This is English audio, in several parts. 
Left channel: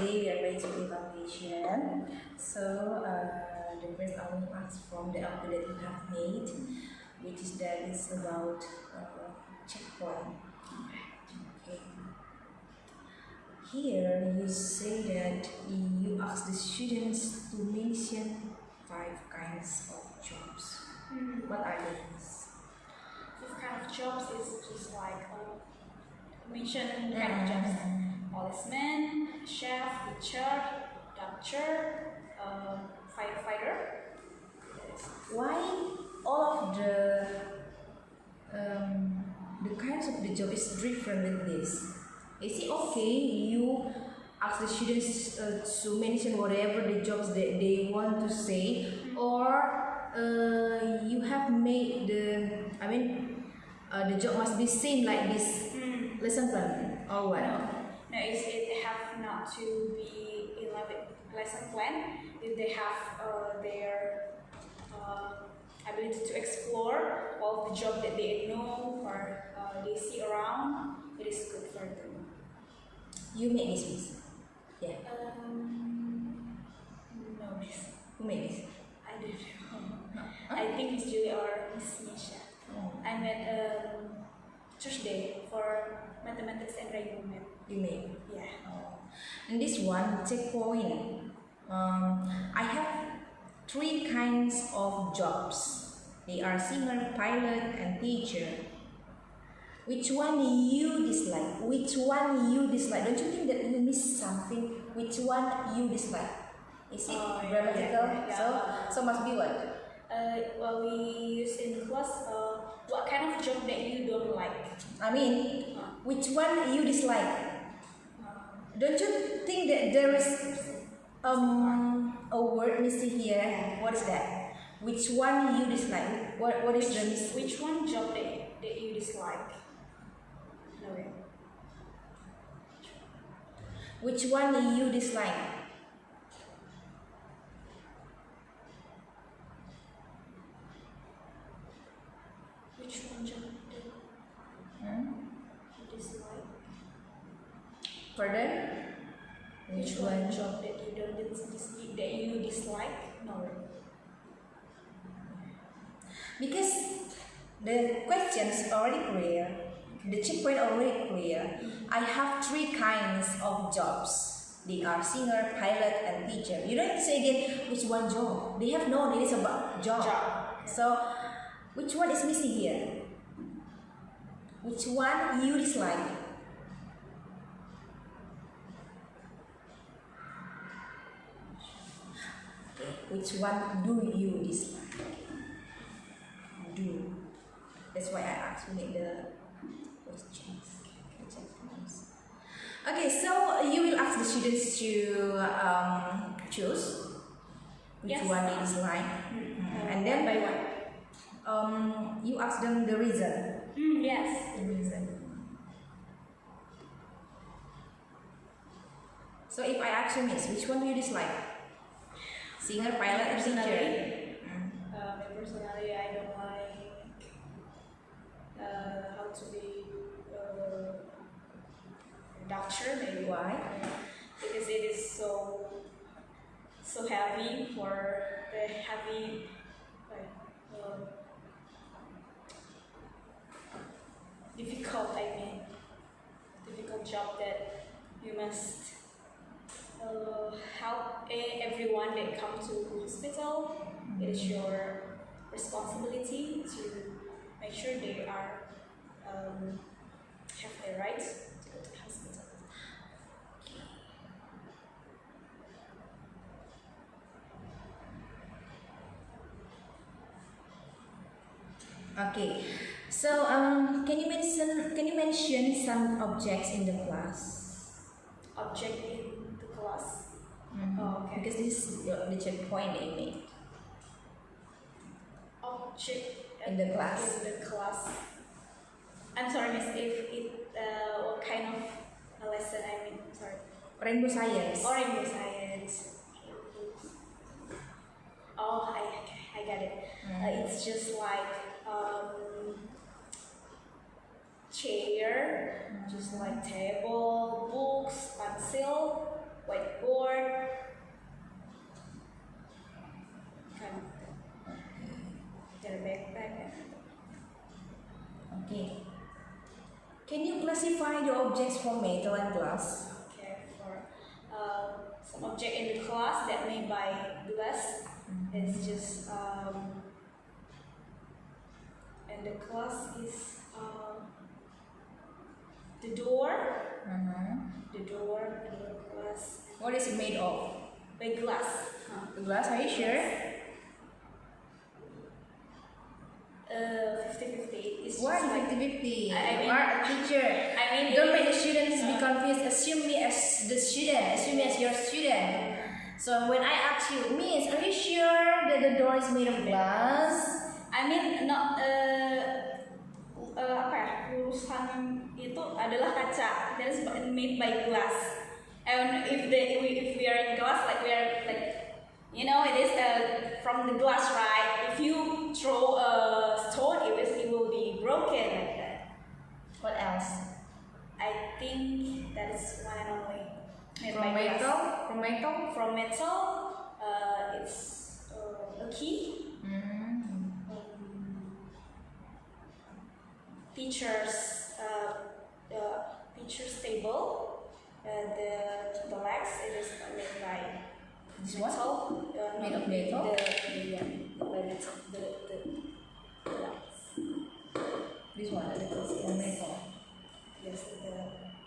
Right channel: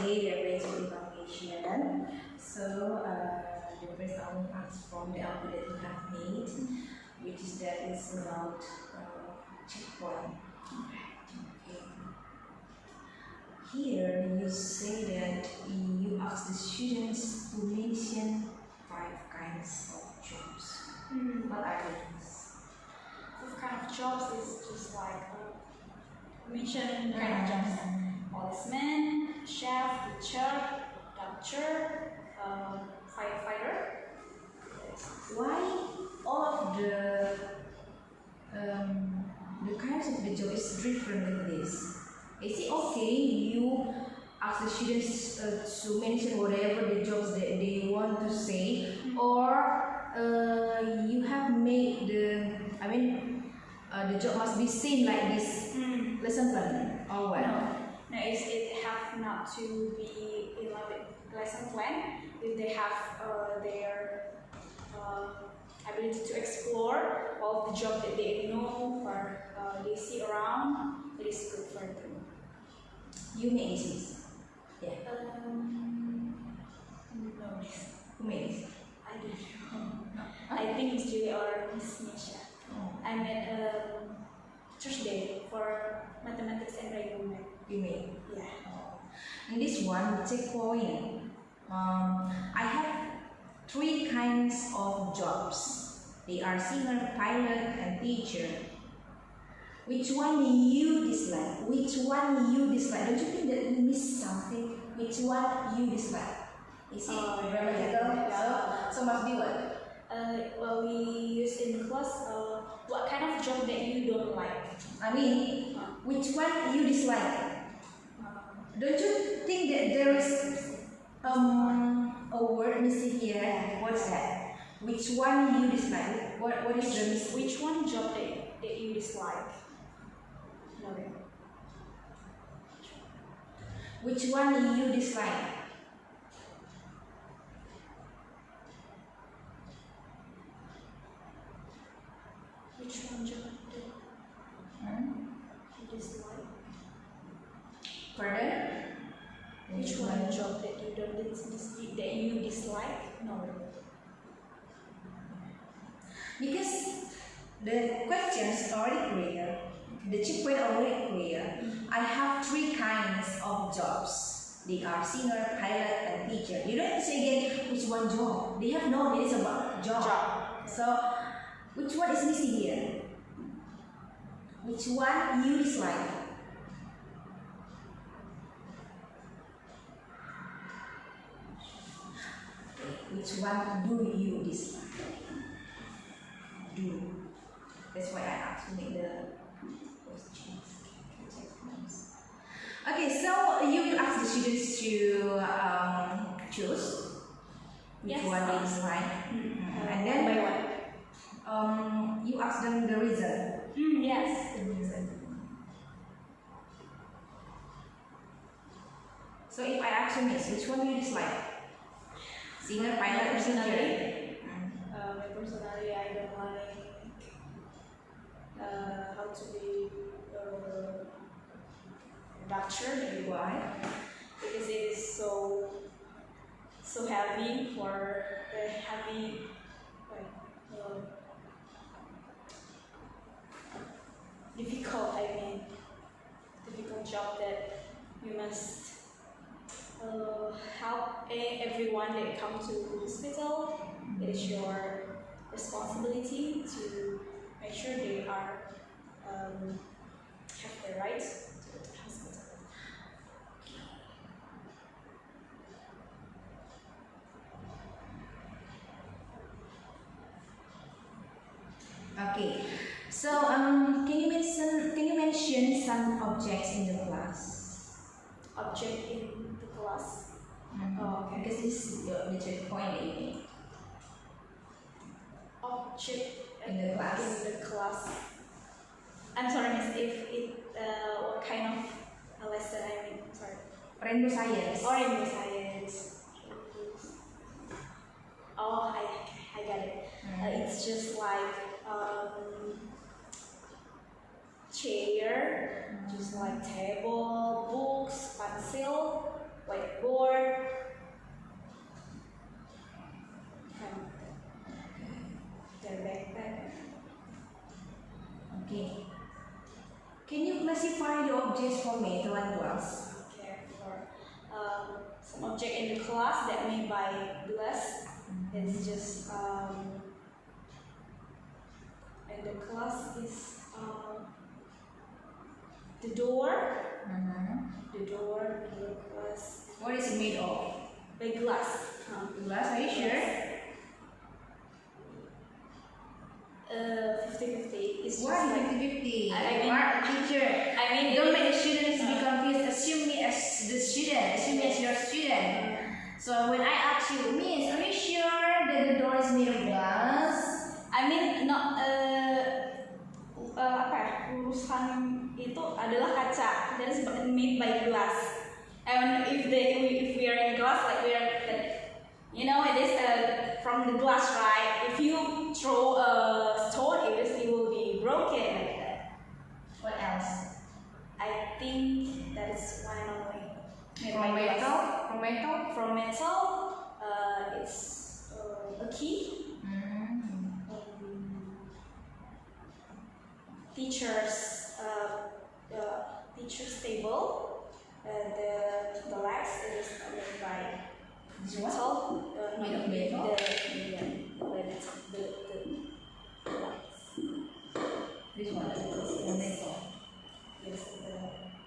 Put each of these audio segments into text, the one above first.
today we are going to do evaluation. So the first I will ask from the output that you have made, which is that is about checkpoint. Okay. Here you say that you ask the students to mention 5 kinds of jobs. What are these? This kind of jobs is just like mission kind of jobs. Policeman, chef, teacher, doctor, firefighter. Why all of the kinds of the job is different than this? Is it okay you ask the students to mention whatever the jobs that they want to say, or you have made the job must be seen like this lesson plan or what? No, it have not to be in lesson plan. If they have their ability to explore all of the job that they know or they see around, it is good for them. You make this, miss? Yeah. No, miss. Who made this? I don't know. I think Miss Julie or Miss Misha. I met Thursday for mathematics and writing math. You made. Yeah. And this one, checkpoint. I have 3 kinds of jobs. They are singer, pilot, and teacher. Which one you dislike? Which one you dislike? Don't you think that you miss something? Which one you dislike? Is it grammatical? Yeah. So must be what? Well, we use in class what kind of job that you don't like. I mean, which one you dislike? Don't you think that there is a word missing here? What is that? Which one you dislike? What is the Which one job that you dislike? No. Which one you dislike? Which one job that you dislike? Pardon? Which one job that you don't that you dislike? No. Because the questions already clear, the checkpoint already clear. I have 3 kinds of jobs. They are singer, pilot, and teacher. You don't say again which one job. They have no ideas about job. So which one is missing here? Which one you dislike? Which one do you dislike? Do. That's why I asked to make the questions. Okay, so you will ask the students to choose which one they dislike, and then by one. You ask them the reason. Yes. The reason. So if I ask you, miss, which one do you dislike? Singer, pilot, or teacher? Personally, I don't like how to be doctor. Maybe why? Because it is so heavy for the heavy difficult. Difficult job that you must help everyone that come to hospital. It is your responsibility to make sure they are have the rights to go to the hospital. Okay. So can you mention some objects in the class? Object in the class. Oh, okay. Because this is the checkpoint that you made. Object in the class. In the class. I'm sorry, miss. If it what kind of a lesson? I mean, sorry. Rainbow science. Or rainbow science. Oh, I got it. It's just like chair, just like table, books, pencil, whiteboard, kind of their backpack. Okay. Can you classify the objects from metal and glass? Okay, for some object in the class that made by glass is just and the class is the door, the door glass What is it made of? by glass. Glass, are you sure? 50-50. It's Why just like 50-50? I mean- You are a teacher. I mean, Don't it make the is- students be confused. Assume me as the student. Assume me as your student. So when I ask you, Miss, are you sure that the door is made of glass? I mean not apa ya, urusan itu adalah kaca, that is made by glass. And if we are in glass, like we are like, you know, it is from the glass, right? If you throw a stone, it will be broken like that. What else? I think that is one and only made From by glass. metal? From metal? From metal, it's a key. Teachers table, the legs it is made by This what? metal, Made of metal? by metal, the legs. This one. The metal. Yes, the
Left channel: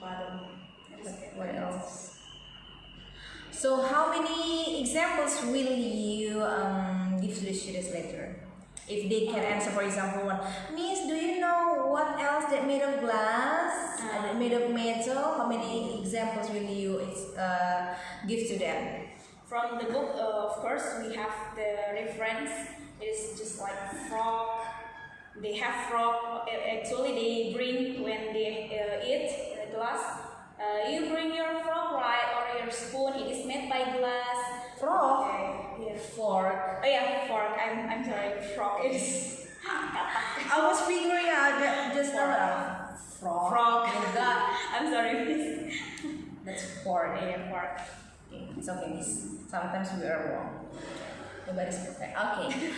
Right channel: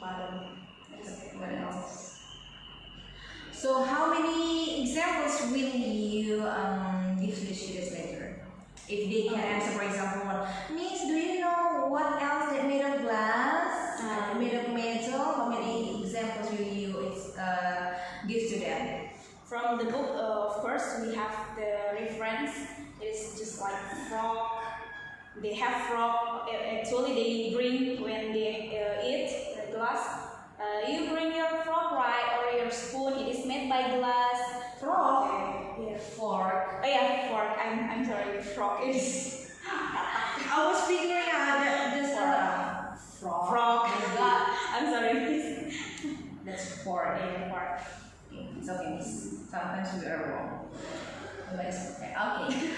bottom. What else? So how many examples will you give to the students later? If they can answer, for example, one, Miss, do you know what else that made of glass? Made of metal? How many examples will you give to them? From the book, of course, we have the reference. It's just like frog. They have frog. Actually, they bring when they eat the glass. You bring your frog, right, or your spoon. It is made by glass. Frog? Okay. Yes. Fork. Oh yeah, fork. I'm sorry. Frog. It is. I was figuring out that just frog. Frog. I'm sorry. That's fork. Yeah, fork. Okay, it's okay, Miss. Sometimes we are wrong. Nobody's perfect. Okay.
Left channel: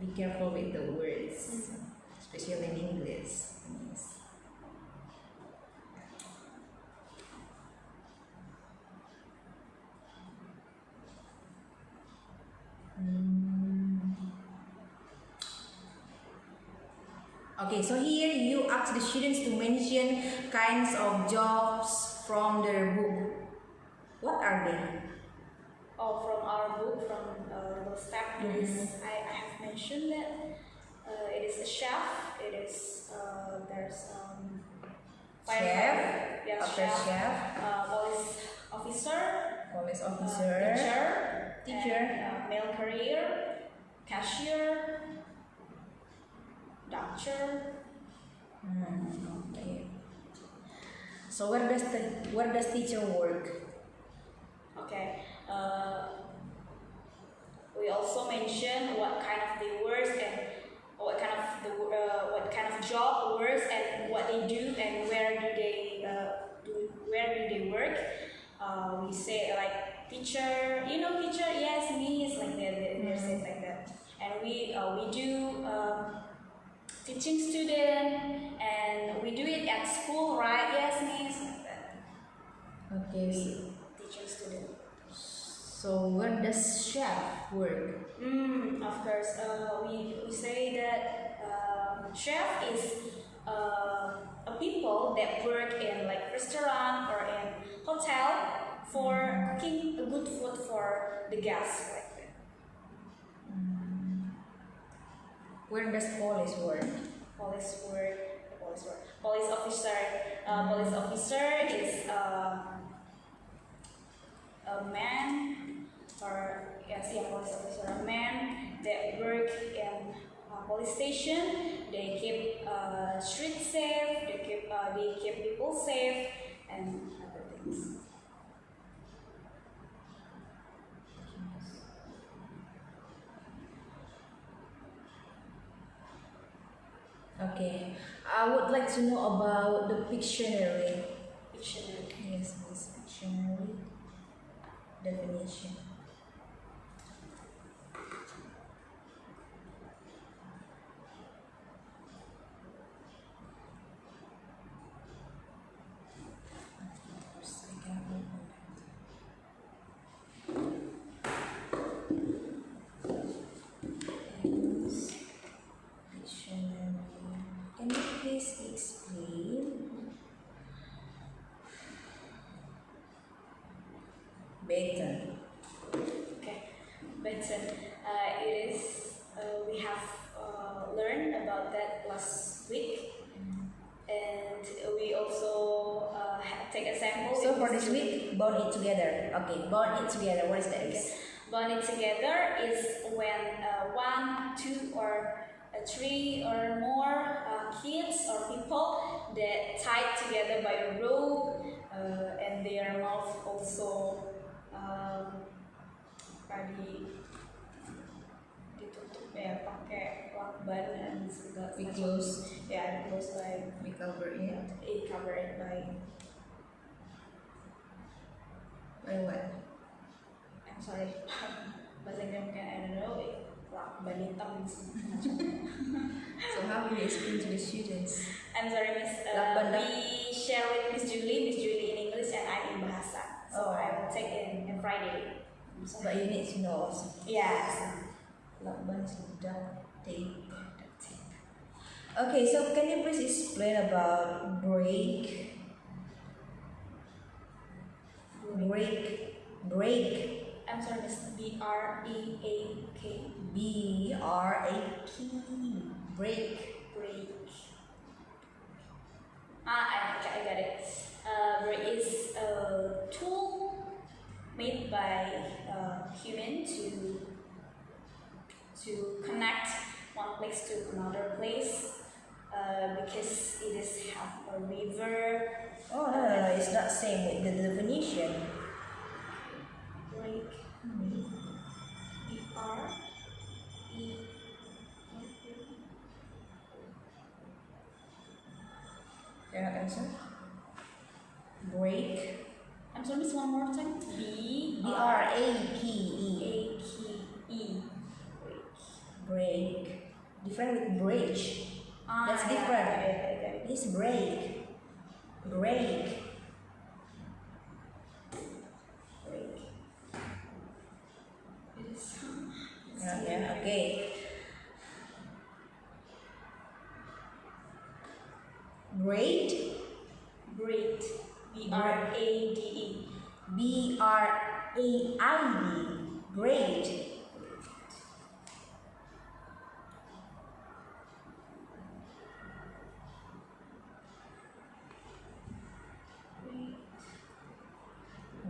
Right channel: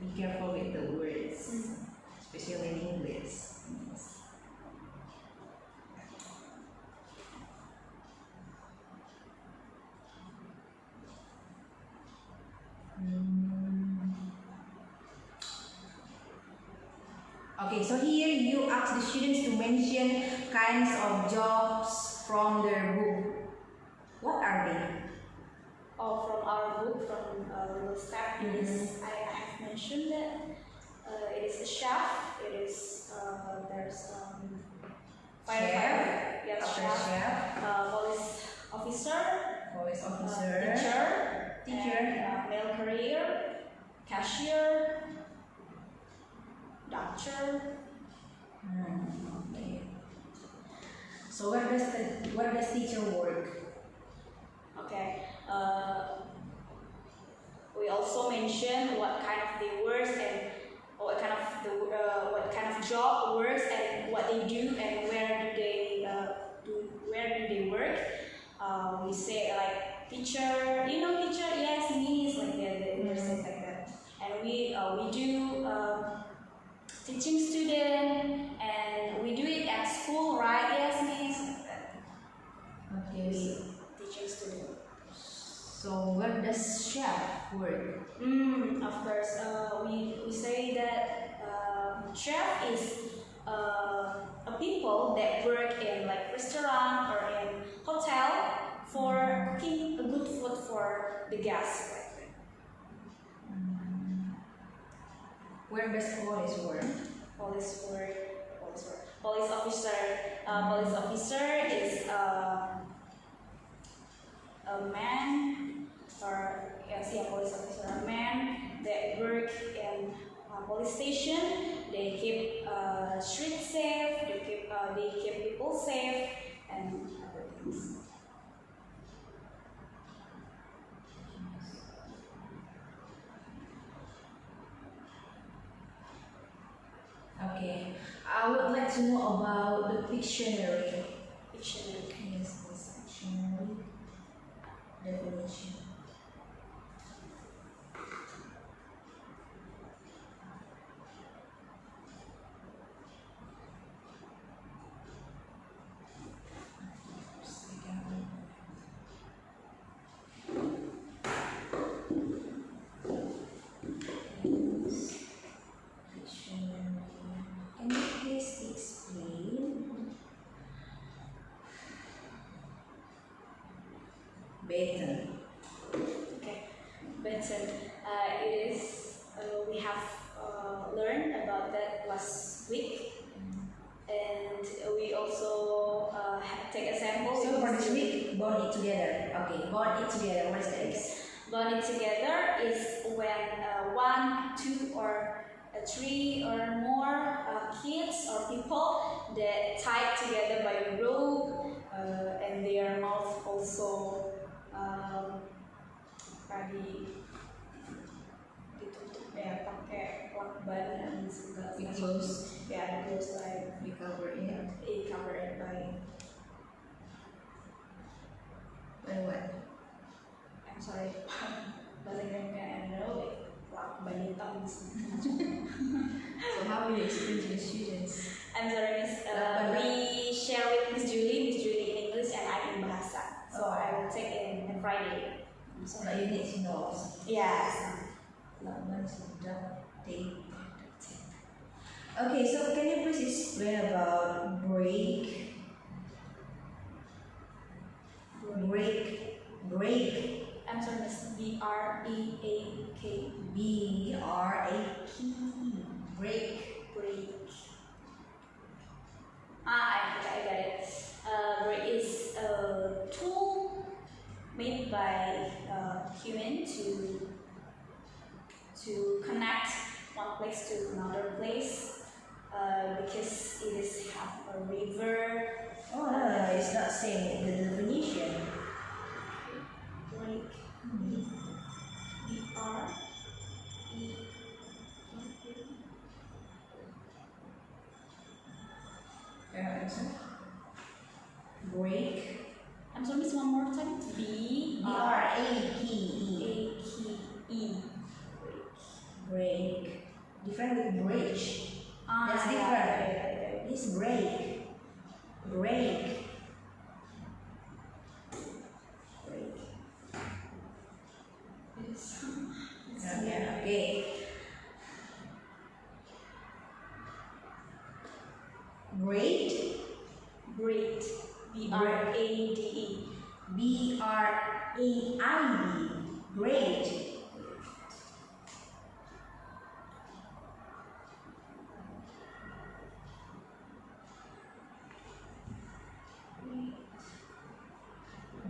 Be careful with the words, especially in English. Yes. Okay, so here you ask the students to mention kinds of jobs from their book. What are they? Oh, from our book, from our staff, it is. I have mentioned that it is a chef. It is there's firefighter. Yes, After chef, police officer, police officer, teacher, and, mail courier, cashier, doctor. Okay. So where does teacher work? Okay. We also mention what kind of the words and what kind of job works and what they do and where do they work. We say like teacher, you know teacher, yes, me is like that. They say like that. And we do teaching student and we do it at school, right? Yes, me is like that. Okay. Teaching student. So where does chef work? Of course, we say that chef is a people that work in like restaurant or in hotel for cooking a good food for the guests. Like that. Where does police work? Police officer. Police officer is a man, or yes, yeah, police officer, a man that work in police station. They keep street safe. They keep people safe and other things. Okay. I would like to know about the Pictionary. Dictionary. Yes, please, Pictionary definition. Dictionary. Can you please explain? Baton. Okay, but it is. We have learned about that last week, and we also take a sample. So with for this Mr. week, bond it together. Okay, bond it together. What is that? Okay. Bonding together is when one, two, or three or more kids or people that tied together by a rope, and their mouth also ditutup ya pakai lakban dan segala We macam. close. Yeah, the close like We cover it. cover it by. By what? I'm sorry, bahasa Inggris mungkin I don't know. Lakban hitam macam. So how will you explain to the students? I'm sorry, Miss. Lakban. We share with Miss Julie in English and I in Bahasa. So I will take in Friday. But you need to know also. Yes. Lakban is duct tape. Okay, so can you please explain about break? Break. I'm sorry, Miss. B-R-E-A-K. B-R-A-K. Break. Break. I got it. Break is a tool made by human to connect one place to another place, because it is have a river. Oh no, it's not saying the definition. Break. B-R-E. Cannot answer. Break. I'm sorry, Miss, one more time. B-R-A-K-E. B-R-A-K-E. Break. Different with bridge. That's yeah, different. I got it. It's break. Break. Break. Yeah, okay. Great. Great. B-R-A-D-E. B-R-A-I-D. Great.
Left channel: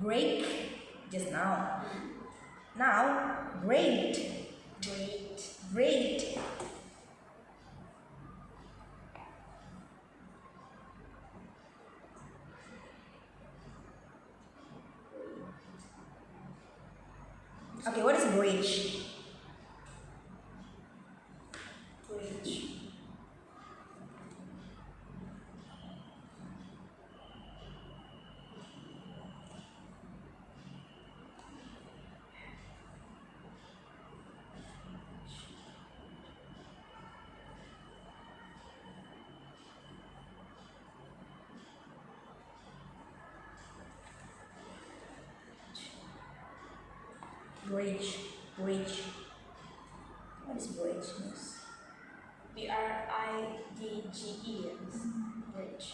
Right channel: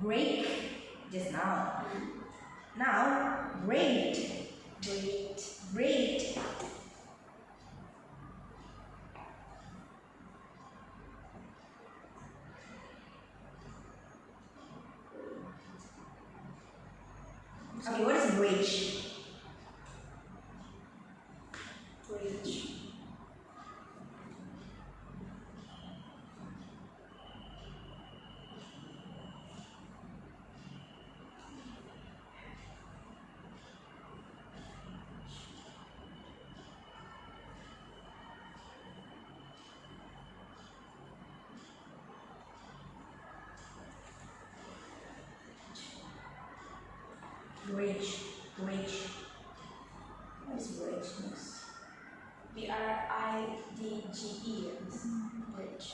Break. Just now. Now, great. Great. Great. Okay, what is bridge? Bridge. Bridge. Bridge. What is bridge? Yes. B-R-I-D-G-E. Bridge.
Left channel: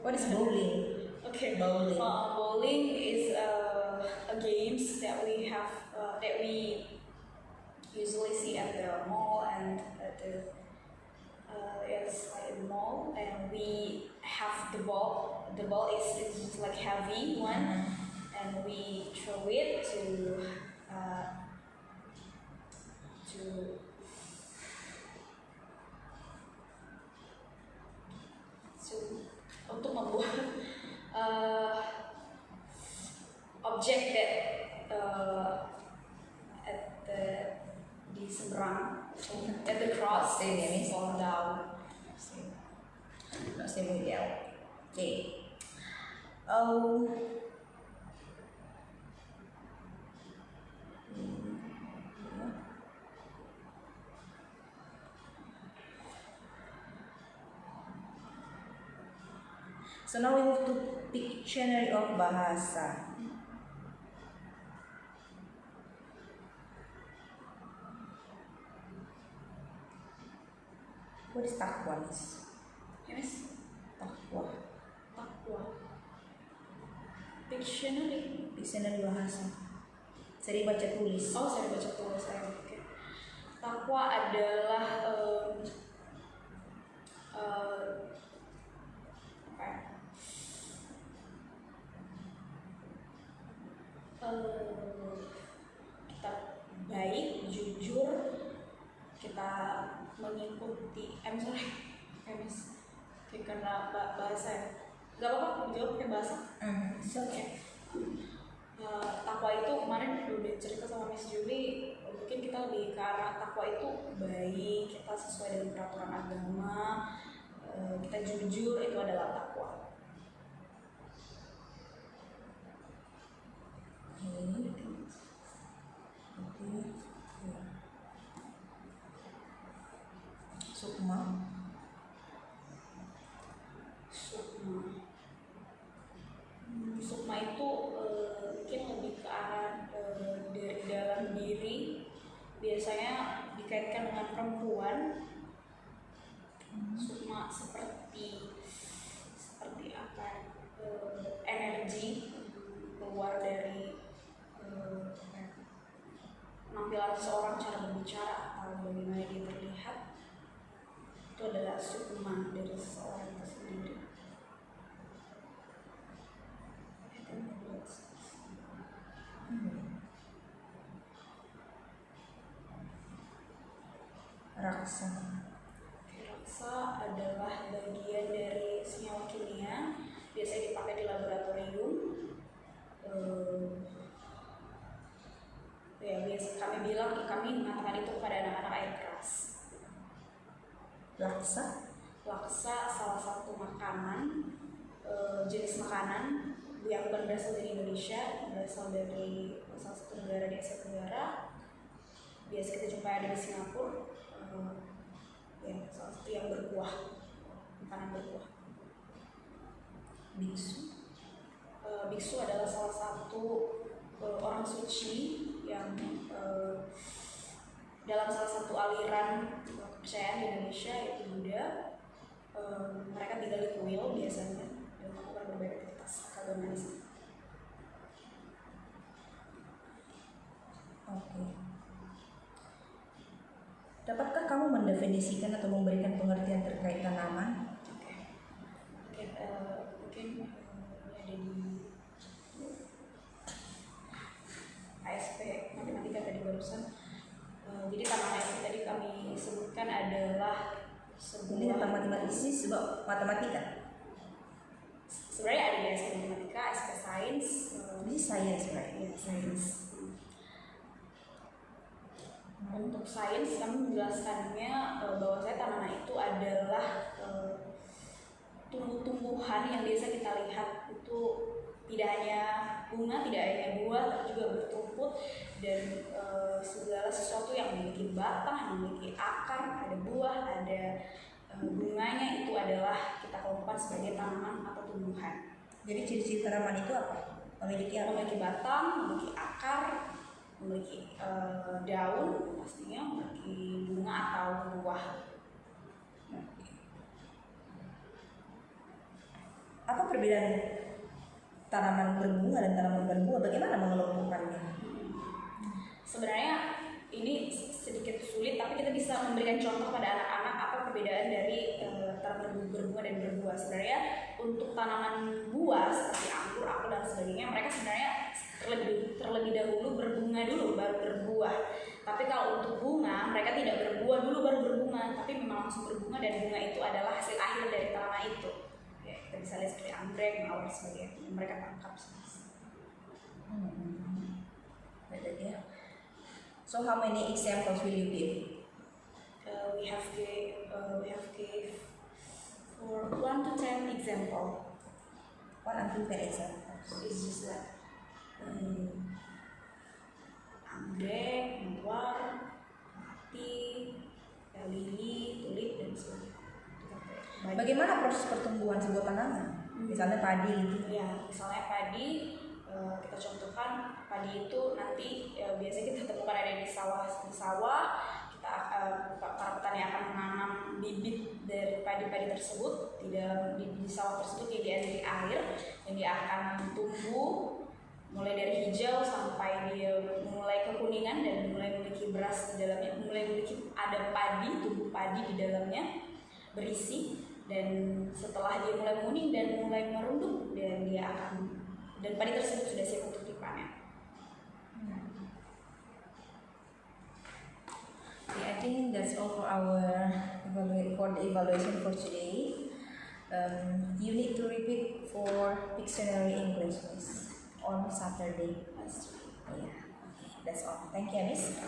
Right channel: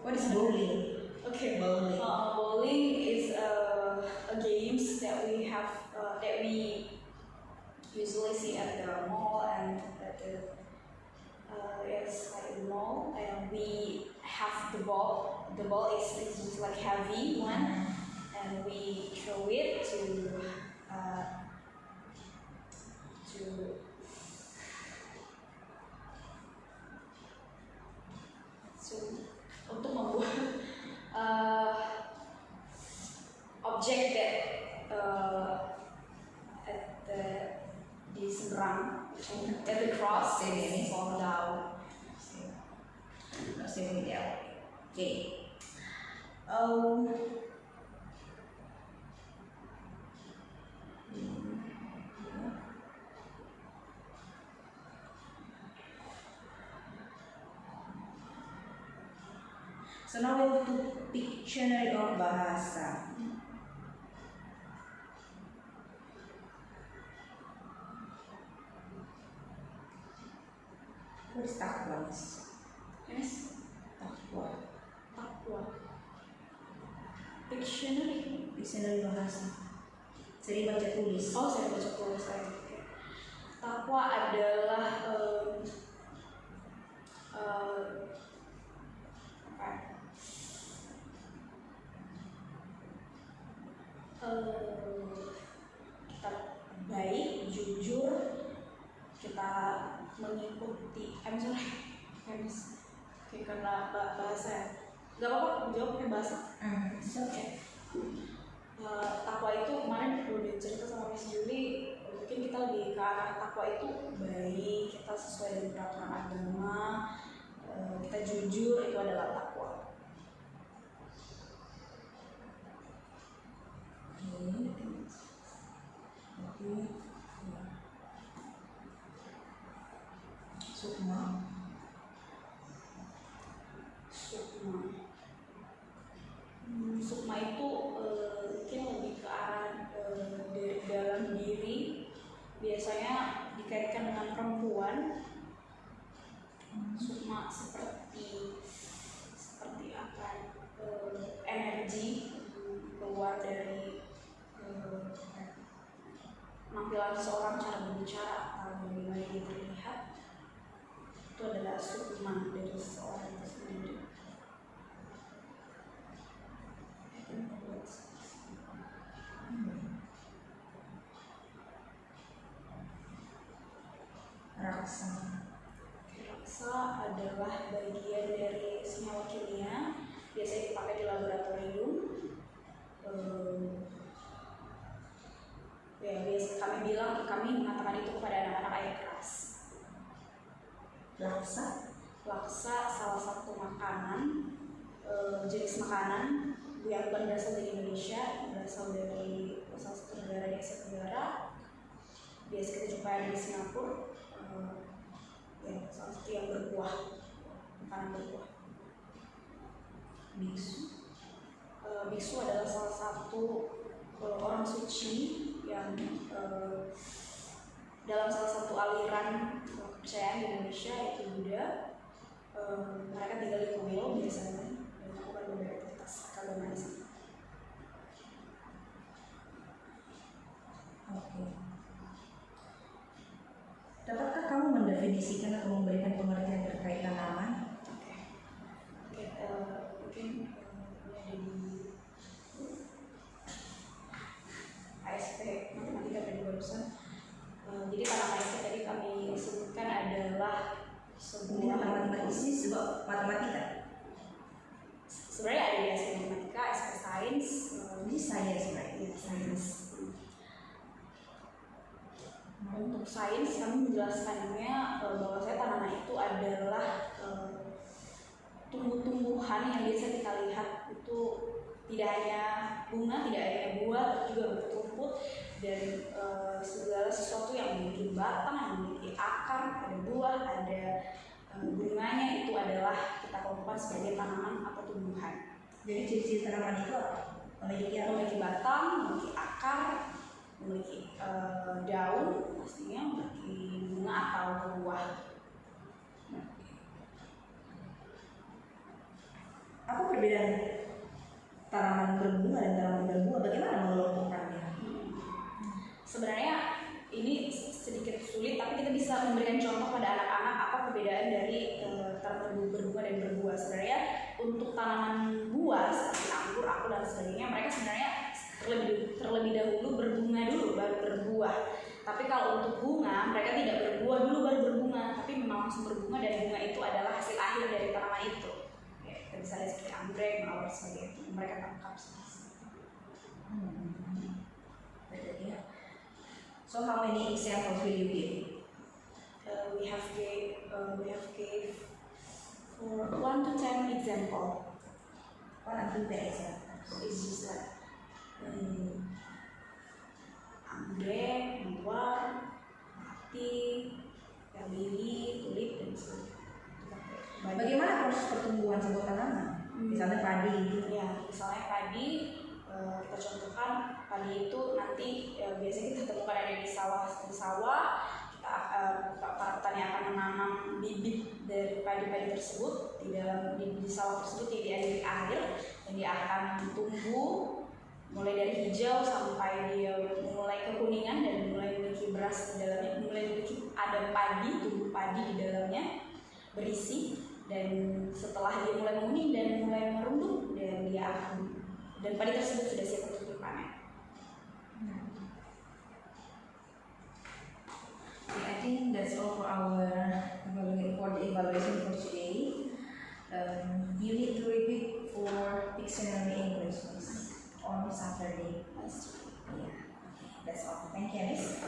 What is bowling? Okay. Bowling. Bowling is a games that we have that we usually see at the mall and at the yes, like the mall, and we have the ball. The ball is like heavy one, and we throw it to So at the cross, Same, yeah. fall down. Not stay with L. Okay. Oh. So now we move to Pictionary of Bahasa. What is takwa, Miss? Yes. Takwa. Takwa. Dictionary. Dictionary bahasa. Sering baca tulis. Oh, saya baca tulis saya. Oke. Takwa adalah kita baik, jujur, kita mengikuti. Oke, karena bahasa ya. Gak apa-apa, jawab pakai bahasa. Oke. Takwa itu kemarin udah cerita sama Miss Julie, mungkin kita lebih ke arah takwa itu baik, kita sesuai dengan peraturan agama, kita jujur, itu adalah takwa. Sukma. Sukma itu mungkin lebih ke arah dari dalam diri, biasanya dikaitkan dengan perempuan. Sukma seperti apa? Energi keluar dari penampilan seseorang, cara berbicara atau bagaimana dia terlihat, itu adalah sukma dari seseorang itu sendiri. Raksa. Raksa adalah bagian dari senyawa kimia, biasanya dipakai di laboratorium. Ya, biasa kami mengatakan itu kepada anak-anak air keras. Laksa. Laksa salah satu makanan, jenis makanan yang bukan berasal dari Indonesia, berasal dari salah satu negara di Asia Tenggara. Biasa kita jumpai di Singapura. Ya, salah satu yang berbuah, makanan berbuah. Biksu. Biksu adalah salah satu orang suci yang dalam salah satu aliran kepercayaan di Indonesia, yaitu Buddha. Mereka tinggal di kuil biasanya dan melakukan berbagai aktivitas keagamaan di sana. Oke. Dapatkah kamu mendefinisikan atau memberikan pengertian terkait tanaman? Mungkin ini ada di ASP matematika tadi barusan. Jadi tanaman itu tadi kami sebutkan adalah Ini sebuah matematis sebab matematika. sebenarnya ada di ASP matematika, ASP sains. Ini sains, right? Ya, sains. Untuk sains kami menjelaskannya bahwa tanaman itu adalah tumbuh-tumbuhan yang biasa kita lihat itu tidak hanya bunga, tidak hanya buah, tapi juga bertumpuk dan segala sesuatu yang memiliki batang, yang memiliki akar, ada buah, ada bunganya, itu adalah kita kelompokkan sebagai tanaman atau tumbuhan. Jadi ciri-ciri tanaman itu apa? Memiliki batang, memiliki akar, memiliki daun, pastinya memiliki bunga atau buah. Apa perbedaan tanaman berbunga dan tanaman berbuah? Bagaimana mengelompokkannya? Sebenarnya ini sedikit sulit, tapi kita bisa memberikan contoh pada anak-anak apa perbedaan dari tanaman berbunga dan berbuah. Sebenarnya untuk tanaman buah seperti anggur, apel dan sebagainya, mereka sebenarnya terlebih dahulu berbunga dulu baru berbuah. Tapi kalau untuk bunga, mereka tidak berbuah dulu baru berbunga, tapi memang langsung berbunga dan bunga itu adalah hasil akhir dari tanaman itu. Ya, kita bisa lihat seperti anggrek, mawar sebagainya, mereka tangkap. So how many examples will you give? example. What unprepared examples? It's just like anggrek, mawar, mati, lili, tulip, dan sebagainya. Bagaimana proses pertumbuhan sebuah tanaman? Misalnya padi gitu. Ya, misalnya padi, kita contohkan padi itu nanti biasanya kita temukan ada di sawah. Kita para petani akan menanam bibit dari padi-padi tersebut di dalam di sawah tersebut yang dialiri air, dan dia akan tumbuh mulai dari hijau sampai dia mulai kekuningan dan mulai memiliki beras di dalamnya, mulai memiliki ada padi, tumbuh padi di dalamnya berisi. Dan setelah dia mulai menguning dan mulai merunduk, dan padi tersebut sudah siap untuk dipanen. Okay, I think that's all for the evaluation for today. You need to repeat for Pictionary English, Miss, on Saturday. Yeah, okay, that's all. Thank you, Miss.